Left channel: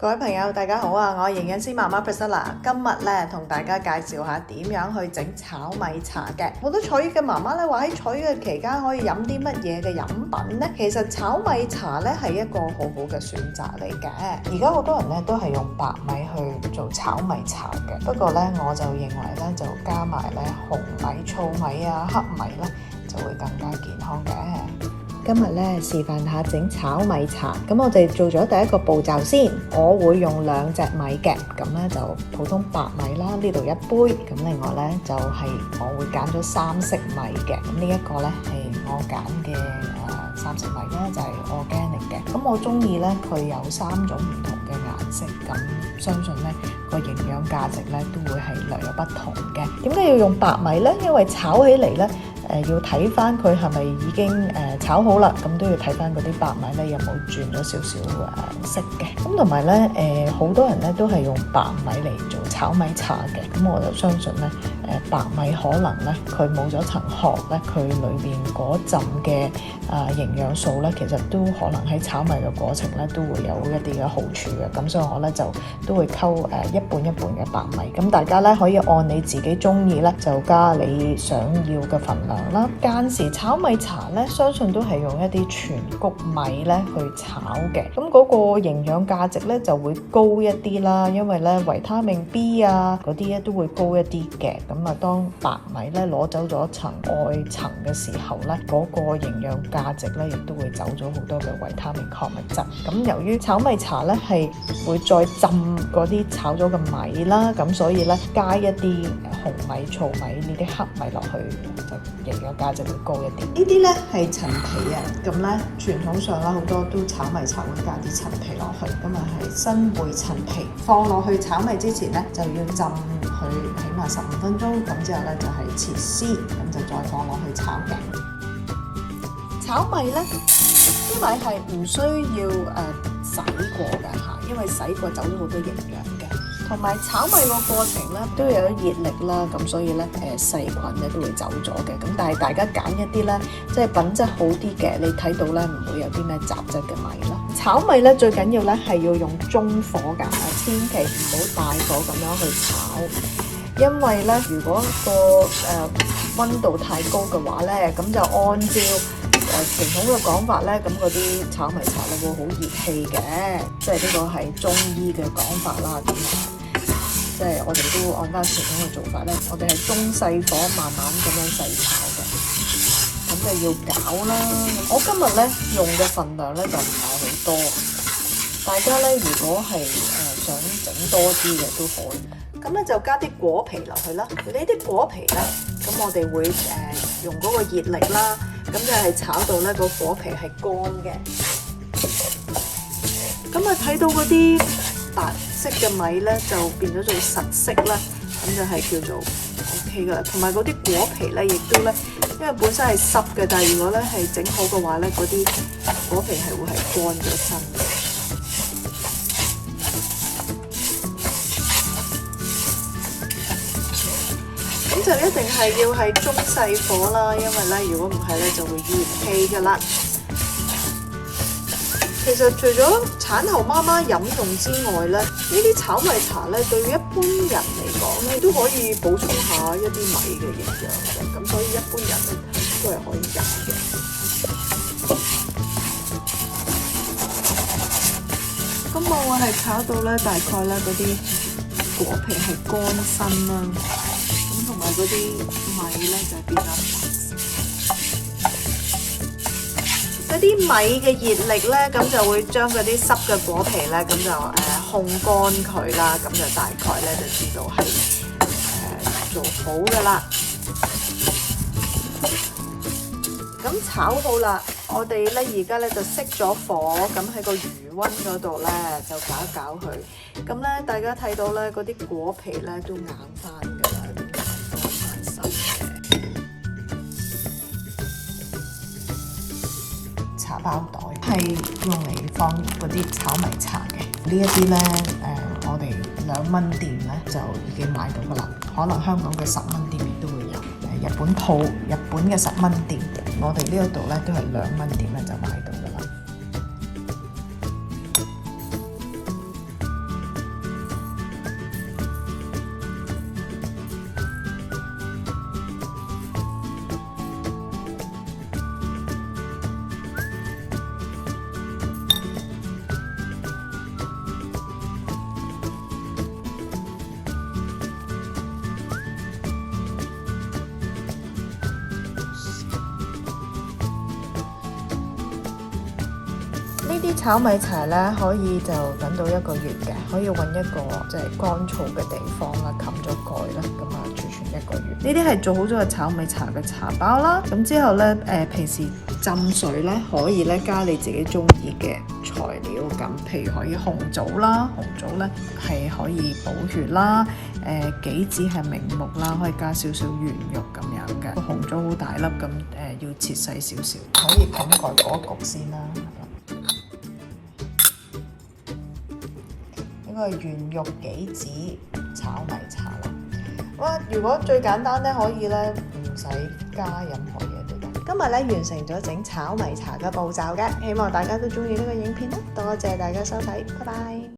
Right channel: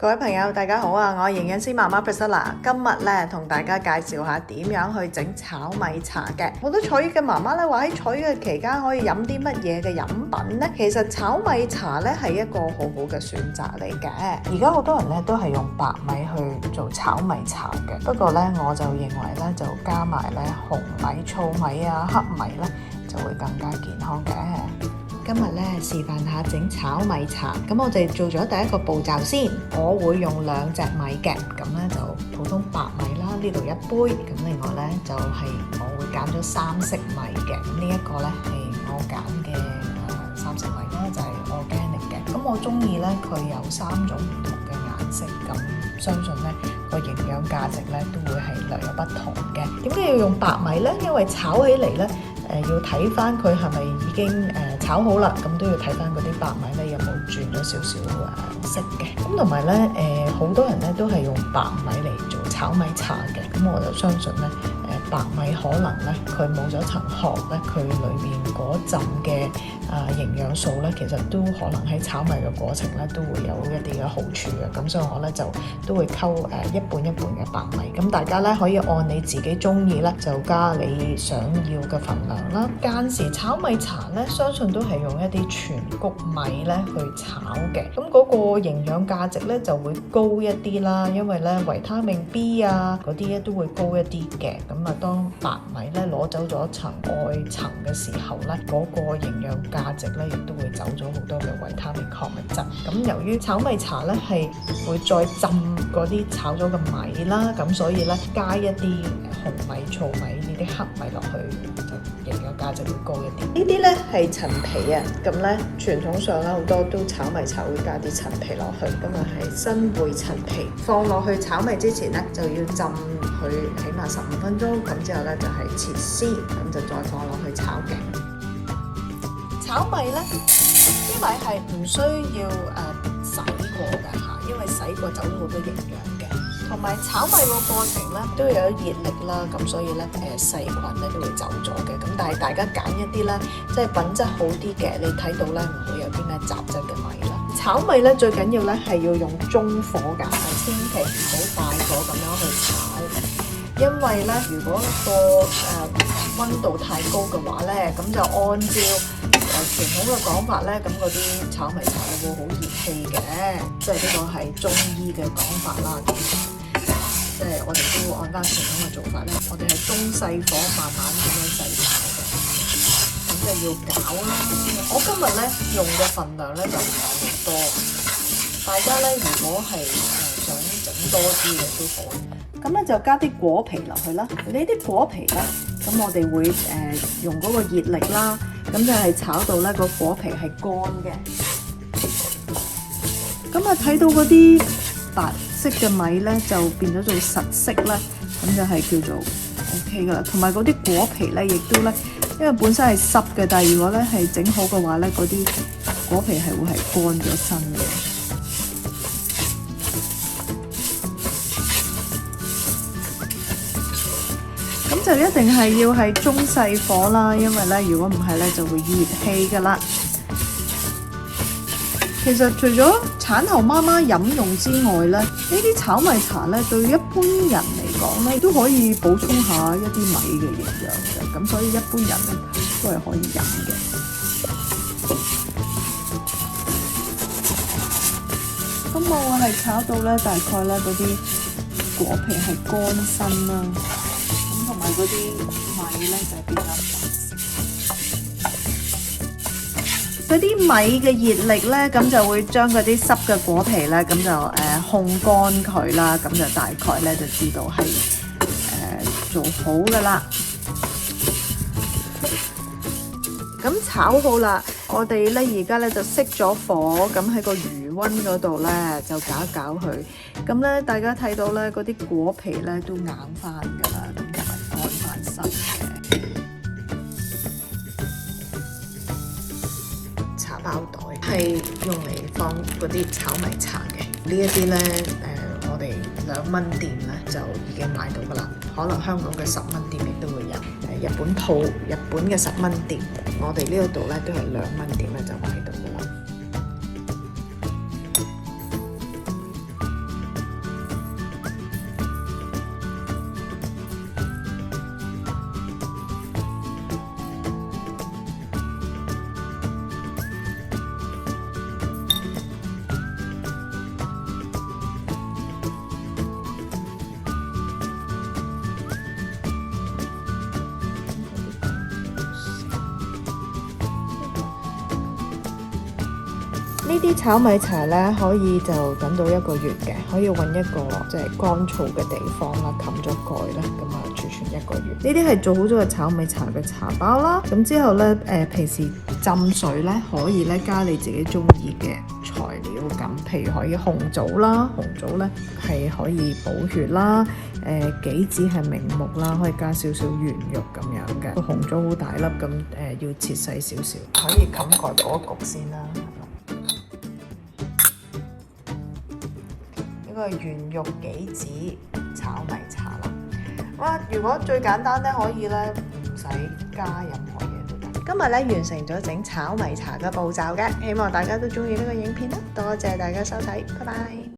各位朋友，大家好啊！我係營養師媽媽 Priscilla， 今日咧同大家介紹下點樣去整炒米茶嘅。好多坐月嘅媽媽咧話喺坐月嘅期間可以飲啲乜嘢嘅飲品呢？其實炒米茶咧係一個好好嘅選擇嚟嘅。而家好多人咧都係用白米去做炒米茶嘅，不過咧我就認為咧就加埋咧紅米、糙米啊、黑米咧就會更加健康嘅。今日咧示範下整炒米茶，咁我哋做咗第一個步驟先。我會用2隻米嘅，咁咧就普通白米啦，呢度1杯，咁另外咧就係我會揀咗3色米嘅，咁呢一個咧係我揀嘅3色米啦，就係 organic嘅。咁我中意咧佢有3種唔同嘅顏色，咁相信咧個營養價值咧都會係略有不同嘅。點解要用白米咧？因為炒起嚟咧要睇翻佢係咪已經炒好啦，咁都要睇翻嗰啲白米咧有冇轉咗少少色嘅。咁同埋咧好多人咧都係用白米嚟做炒米茶嘅，咁我就相信咧白米可能咧佢冇咗層殼咧，佢裏邊嗰陣嘅營養素咧，其實都可能喺炒米嘅過程咧都會有一啲嘅好處嘅。咁所以我咧就都會溝一半一半嘅白米。咁大家咧可以按你自己中意咧就加你想要嘅份量啦。間時炒米茶咧，相信都係用一啲全穀米咧去炒嘅。咁嗰個營養價值咧就會高一啲啦，因為咧維他命 B 啊嗰啲咧都會高一啲嘅。咁啊，當白米咧攞走咗層外層嘅時候咧，嗰個營養價值咧亦都會走咗好多嘅維他命礦物質。咁由於炒米茶咧係會再浸嗰啲炒咗嘅米啦，咁所以咧加一啲紅米、糙米呢啲黑米落去，就營養價值會高一啲。呢啲咧係陳皮啊，咁咧傳統上咧好多都炒米茶會加啲陳皮落去，咁啊係新會陳皮放落去炒米之前咧就要浸佢起碼15分鐘，咁之後咧就係切絲，咁就再放落去炒嘅。炒米咧，啲米係唔需要洗過㗎嚇，因為洗過走咗好多營養嘅。同埋炒米個過程咧都有熱力啦，咁所以咧細菌咧都會走咗嘅。咁但係大家揀一啲咧即係品質好啲嘅，你睇到咧唔會有啲咩雜質嘅米啦。炒米咧最緊要咧係要用中火㗎，千祈唔好大火咁樣去炒，因為咧如果個溫度太高嘅話咧，咁就按照傳統嘅講法咧，咁嗰啲炒米茶咧會好熱氣嘅，即係呢個係中醫嘅講法啦。即係我哋都按翻傳統嘅做法咧，我哋係中細火慢慢咁樣細炒嘅，咁就要攪啦。我今日咧用嘅份量咧就唔係好多，大家咧如果係想整多啲嘅都可以。咁咧就加啲果皮落去啦。呢啲果皮咧，咁我哋會用嗰個熱力啦，咁就係炒到咧個果皮係乾嘅。咁啊睇到嗰啲白色嘅米咧就變咗做實色啦，咁就係叫做 OK 噶啦。同埋嗰啲果皮咧，亦都咧，因為本身係濕嘅，但係如果咧係整好嘅話咧，嗰啲果皮係會係乾咗身嘅。咁就一定係要係中細火啦，因為咧如果唔係咧就會熱氣噶啦。其實除咗產後媽媽飲用之外咧，呢啲炒米茶咧對於一般人嚟講咧都可以補充下一啲米嘅營養嘅，咁所以一般人都係可以飲嘅。咁我係炒到咧大概咧嗰啲果皮係乾身啦，咁同埋嗰啲米咧就係變咗。嗰啲米嘅熱力咧，咁就會將嗰啲濕嘅果皮咧，咁就烘乾佢啦，咁就大概咧就知道係做好㗎啦。咁炒好啦，我哋咧而家咧就熄咗火，咁喺個餘溫嗰度咧就攪一攪佢。咁咧大家睇到咧嗰啲果皮咧都硬翻㗎啦，乾翻身嘅。包袋係用嚟放嗰啲炒米茶嘅，呢一啲咧我哋2蚊店咧就已經買到噶啦，可能香港嘅10蚊店亦都會有。日本鋪、日本嘅10蚊店，我哋呢一度咧都係2蚊店咧就買到噶啦。啲炒米茶咧可以就等到1個月嘅，可以揾一個即係乾燥嘅地方啦，冚咗蓋啦，咁啊儲存1個月。呢啲係做好咗嘅炒米茶嘅茶包啦。咁之後咧平時浸水咧可以咧加你自己中意嘅材料咁，譬如可以紅棗啦，紅棗咧係可以補血啦。杞子係明目啦，可以加少少圓肉咁樣嘅。個紅棗好大粒咁，要切細少少，可以冚蓋嗰焗先啦。呢個係圓肉杞子炒米茶啦。哇！如果最簡單咧，可以咧唔使加任何嘢都得。今日咧完成咗整炒米茶嘅步驟嘅，希望大家都中意呢個影片啦。多謝大家收睇，拜拜。